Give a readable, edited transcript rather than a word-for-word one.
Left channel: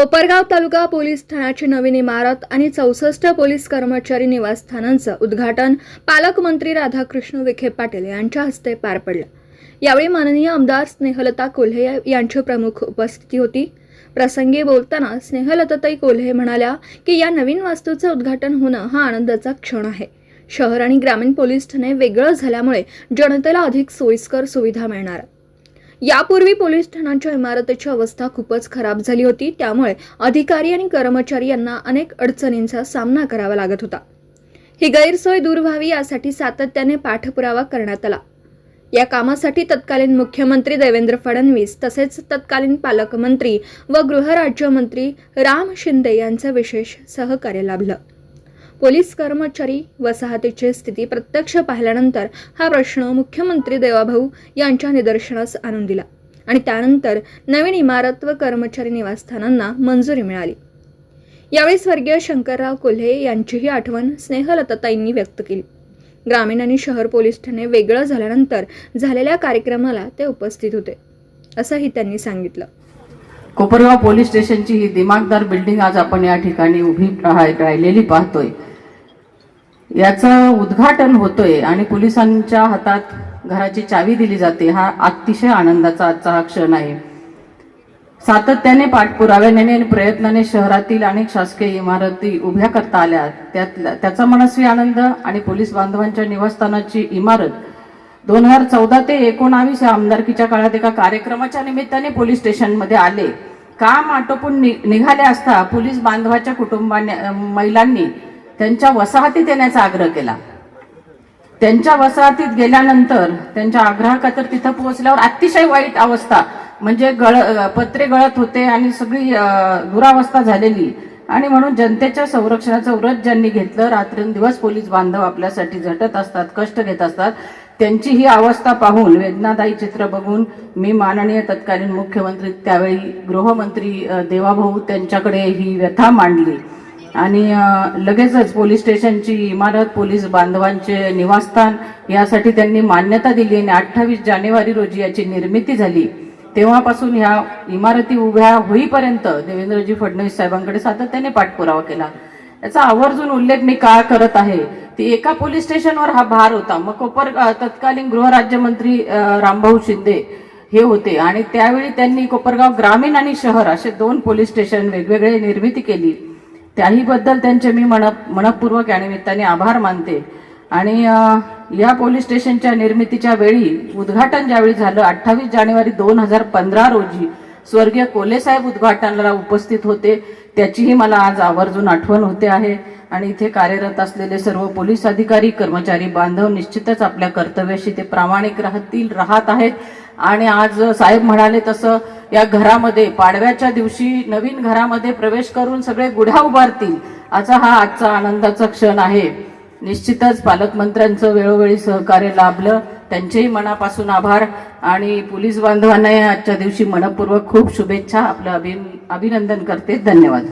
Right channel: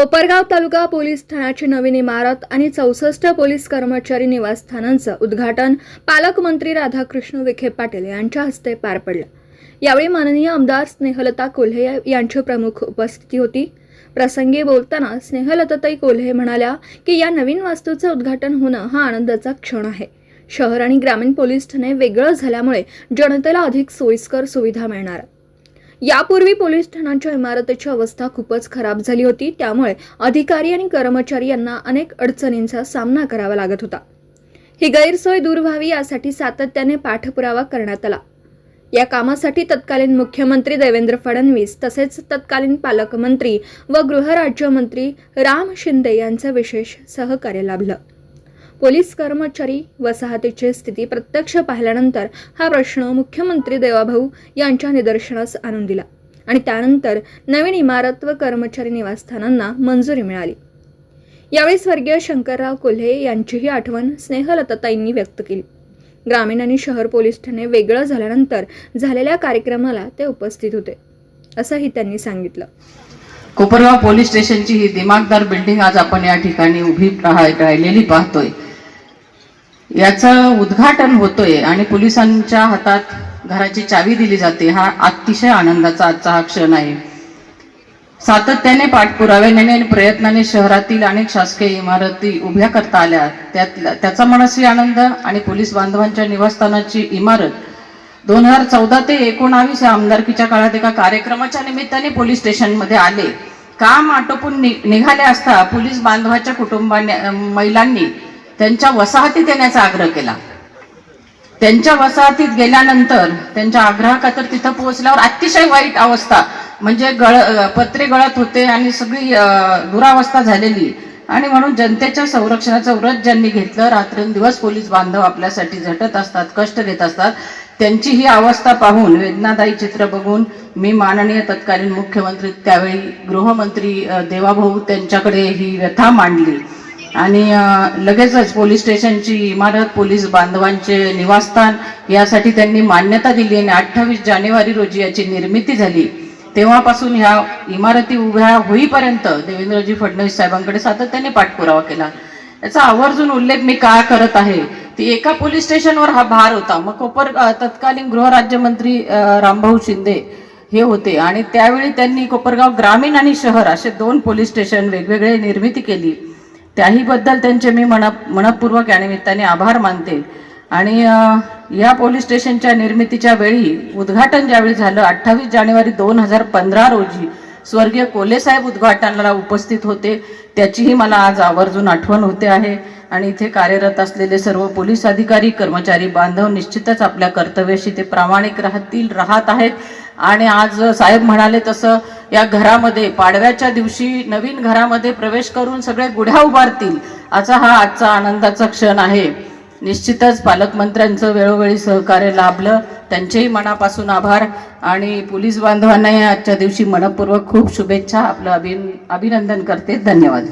कोपरगाव तालुका police ठाण्याची नवीन इमारत आणि 64 police कर्मचारी निवासस्थानांचं उद्घाटन पालकमंत्री राधाकृष्ण विखे पाटील यांच्या हस्ते पार पडलं। यावेळी माननीय आमदार स्नेहलता कोल्हे यांची प्रमुख उपस्थिती होती। प्रसंगी बोलताना स्नेहलताताई कोल्हे म्हणाल्या की या नवीन वास्तूचं उद्घाटन होणं हा आनंदाचा क्षण आहे। शहर आणि ग्रामीण पोलीस ठाणे वेगळं झाल्यामुळे जनतेला अधिक सोयीस्कर सुविधा मिळणार। यापूर्वी पोलीस ठाण्याच्या इमारतीची अवस्था खूपच खराब झाली होती, त्यामुळे अधिकारी आणि कर्मचारी यांना अनेक अडचणींचा सामना करावा लागत होता। ही गैरसोय दूर व्हावी यासाठी सातत्याने पाठपुरावा करण्यात आला। या कामासाठी तत्कालीन मुख्यमंत्री देवेंद्र फडणवीस तसेच तत्कालीन पालकमंत्री व गृहराज्यमंत्री राम शिंदे यांचे विशेष सहकार्य लाभलं। पोलीस कर्मचारी वसाहतीची स्थिती प्रत्यक्ष पाहिल्यानंतर हा प्रश्न मुख्यमंत्री देवाभाऊ यांच्या निदर्शनास आणून दिला आणि त्यानंतर नवीन इमारत व कर्मचारी निवासस्थानांना मंजुरी मिळाली। यावेळी स्वर्गीय शंकरराव कोल्हे यांचीही आठवण स्नेहलताताईंनी व्यक्त केली। ग्रामीण आणि शहर पोलीस ठाणे वेगळं झाल्यानंतर झालेल्या कार्यक्रमाला ते उपस्थित होते, असंही त्यांनी सांगितलं। कोपरगाव पोलीस स्टेशनची ही दिमागदार बिल्डिंग आज आपण या ठिकाणी उभी राहिलेली पाहतोय। याचं उद्घाटन होतोय आणि पोलिसांच्या हातात घराची चावी दिली जाते। हा अतिशय आनंदाचा आजचा हा क्षण आहे। सातत्याने पाठपुराव्याने आणि प्रयत्नाने शहरातील अनेक शासकीय इमारती उभ्या करता आल्या, त्याचा मनस्वी आनंद आणि पोलीस बांधवांच्या निवासस्थानाची इमारत 2014 ते 19 या आमदारकीच्या काळात एका कार्यक्रमाच्या निमित्ताने पोलीस स्टेशनमध्ये आले। काम आटोपून निघाले असता पोलीस बांधवाच्या महिलांनी त्यांच्या वसाहतीत येण्याचा आग्रह केला। त्यांच्या वसाहतीत गेल्यानंतर त्यांच्या आग्रहाखातर तिथं पोहोचल्यावर अतिशय वाईट अवस्था, म्हणजे पत्रे गळत होते आणि सगळी दुरावस्था झालेली, आणि म्हणून जनतेच्या संरक्षणाचं व्रत ज्यांनी घेतलं, रात्रंदिवस पोलीस बांधव आपल्यासाठी झटत असतात, कष्ट घेत असतात, त्यांची ही अवस्था पाहून, वेदनादायी चित्र बघून मी माननीय तत्कालीन मुख्यमंत्री त्यावेळी गृहमंत्री देवाभाऊ त्यांच्याकडे ही व्यथा मांडली आणि लगेचच पोलीस स्टेशनची इमारत, पोलीस बांधवांचे निवासस्थान यासाठी त्यांनी मान्यता दिली आणि 28 जानेवारी रोजी याची निर्मिती झाली। तेव्हापासून ह्या इमारती उभ्या होईपर्यंत देवेंद्रजी फडणवीस साहेबांकडे सातत्याने पाठपुरावा केला। याचा आवर्जून उल्लेख मी का करत आहे, ती एका पोलीस स्टेशनवर हा भार होता। मग तत्कालीन गृहराज्यमंत्री रामभाऊ शिंदे हे होते आणि त्यावेळी त्यांनी कोपरगाव ग्रामीण आणि शहर असे 2 पोलीस स्टेशन वेगवेगळे निर्मिती केली। त्याही बद्दल त्यांचे मी मनपूर्वक या निमित्ताने आभार मानते। आणि या पोलीस स्टेशनच्या निर्मितीच्या वेळी उद्घाटन ज्यावेळी झालं 28 जानेवारी 2015 रोजी स्वर्गीय कोल्हे साहेब उद्घाटनाला उपस्थित होते, त्याचीही मला आज आवर्जून आठवण होते आहे। आणि इथे कार्यरत असलेले सर्व पोलीस अधिकारी, कर्मचारी बांधव निश्चितच आपल्या कर्तव्याशी ते प्रामाणिक राहत आहेत। आणि आज साहेब म्हणाले तसं या घरामध्ये पाडव्याच्या दिवशी नवीन घरामध्ये प्रवेश करून सगळे गुढ्या उभारतील, असा हा आजचा आनंदाचा क्षण आहे। निश्चितच पालकमंत्र्यांचं वेळोवेळी सहकार्य लाभलं, त्यांचेही मनापासून आभार आणि पोलीस बांधवांनाही आजच्या दिवशी मनपूर्वक खूप शुभेच्छा, आपलं अभिनंदन करते। धन्यवाद।